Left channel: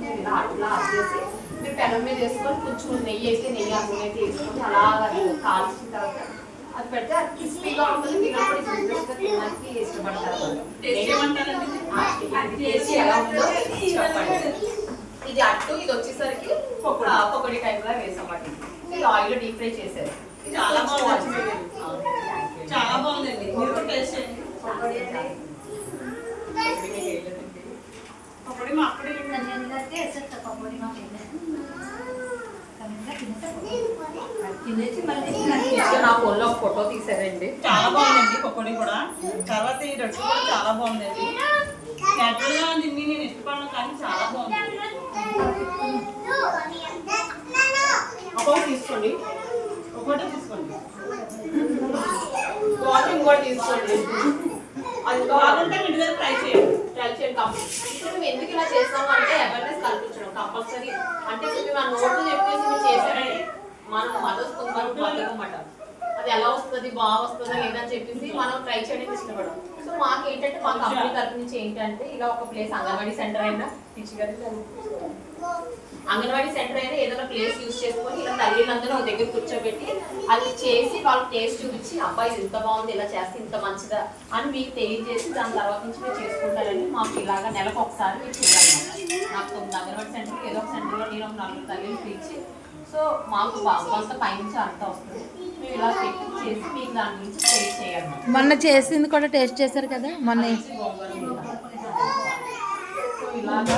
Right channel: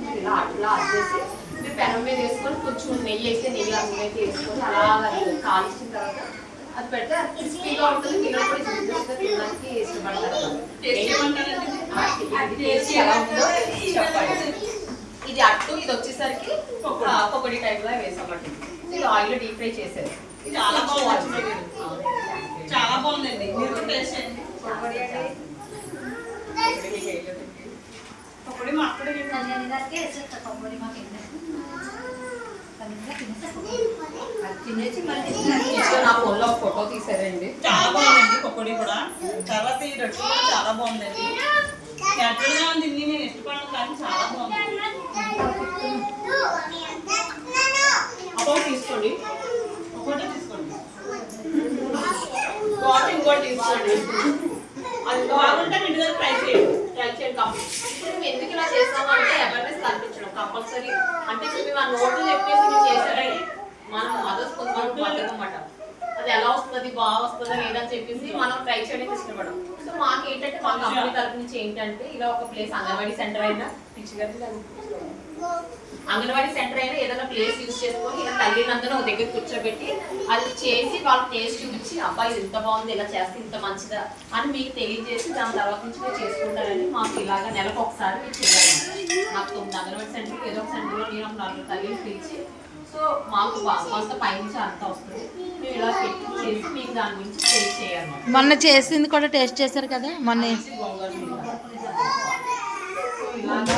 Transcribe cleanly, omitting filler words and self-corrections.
మీరు ఇలా అట్లా చేసి మీరు పెనం మీద వేసుకొని కొంచెం నెయ్యి వేస్తే నెయ్యి ఆ నూనె అయితే వేసుకొని అలా కాల్చిన తర్వాత అది పెడితే అది క్రిస్పీగా ఉంటుంది. మీరు కూడా క్రిస్పీగా తినడానికి ఇష్టపడతారు. టేస్ట్ ఎలా ఉందో చెప్పండి. ఇది అట్టు, ఇది వచ్చేసరికి పకోడీ టైప్లా వేసామండి. ఇది ఆయిల్ డీప్ ఫ్రై చేశారు. చాలా బాగుంది, చాలా బాగుందండి. పకోడీ మా అక్కడే తినేసి మళ్ళీ నా ఫోన్లో ఫోటో తీసారండి. చాలా బాగుందండి పకోడీ కూడా. తర్వాత ఈ రొట్టె కూడా చాలా బాగుందండి. ఎట్లా ఉంది నేను ఇష్టపడను కానీ చాలా బాగుంది. అకౌంట్ తీసుకోండి, ఒకటే తీసుకోండి, వాటింగ్ కూడా తీసుకోండి. అది బాగుంటే ఇంటి దగ్గర ట్రై చేయండి. ఇప్పుడు మేము ఎందుకు ఇలా చేస్తాము అంటే అవేర్నెస్ కల్పించడం కంపల్సరీ. అంటే ఇప్పుడు మేము ఆ నోట్లు చెప్పేసి మీరు చేశారండి, మనం మదర్స్ కొంతమంది అన్నమాట. అది ఎలా వస్తుంది, బాగా వస్తుందా లేదని చెప్పేసి మనం ట్రై చేయడానికి ఇష్టపడం. సో మాకు ఏంటంటే మా కంపెనీ తరఫు నుంచి ఏంటంటే ఇలా ఒక ప్లేస్ అంగన్వాడీ సెంటర్ అయినా అంగన్వాడీ సెంటర్ అయినా ఏదైనా ప్లేస్ యూజ్ చేసుకొని ఇలా తల్లిదండ్రులు ఒక దగ్గర కూర్చోబెట్టి అది చేసి వాళ్ళకి టేస్ట్ చూపించి అబ్బాయి ఇది ఇంత బాగుంది, ఇలా చేస్తే ఇంత మంచిదా అని మీకు తెలియజేసి దాని తర్వాత నుంచి మీరు చేసుకుంటారండి. మాకు ఇలాగా నెలకు ఒకసారి మీరు చేయాలన్నమాట. నాకు అంగన్వాడీ సెంటర్కి ఏదో ఒక సెంటర్లో నేను ఒక 4 తల్లిని పిలిచి సో మాకు కొంత పైనుంచి అంతా వస్తుంది. మేము ఇలా పెట్టి చేసి మీకు దాని గురించి టేస్ట్ చేయాలన్నమాట. మొన్న చేసింది కూడా టేస్ట్ చేశారు కదా మొన్న. ఇలాగా